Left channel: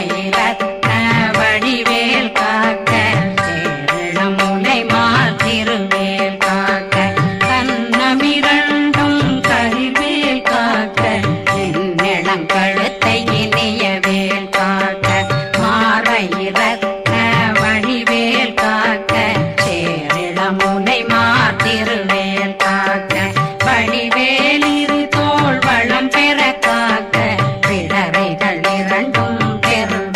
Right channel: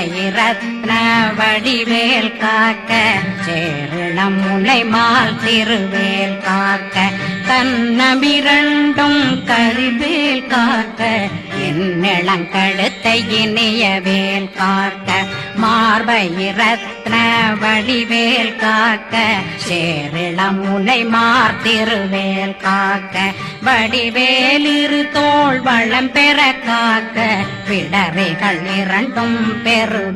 மார்பயிரத்ன வடிவேல் காக்க சேரணமுனை மாத்திருவேல் காக்க கண்ணமிரண்டும் கரிவேல் காக்க என்னிளங்கழுத்தை இனியவேல் காக்க மார்பயிரத்ன வடிவேல் காக்க சேரணமுனை மாத்திருவேல் காக்க வடிவேலிரு தோள் வளம் பெற காக்க பிடரைகள் இரண்டும் பெரு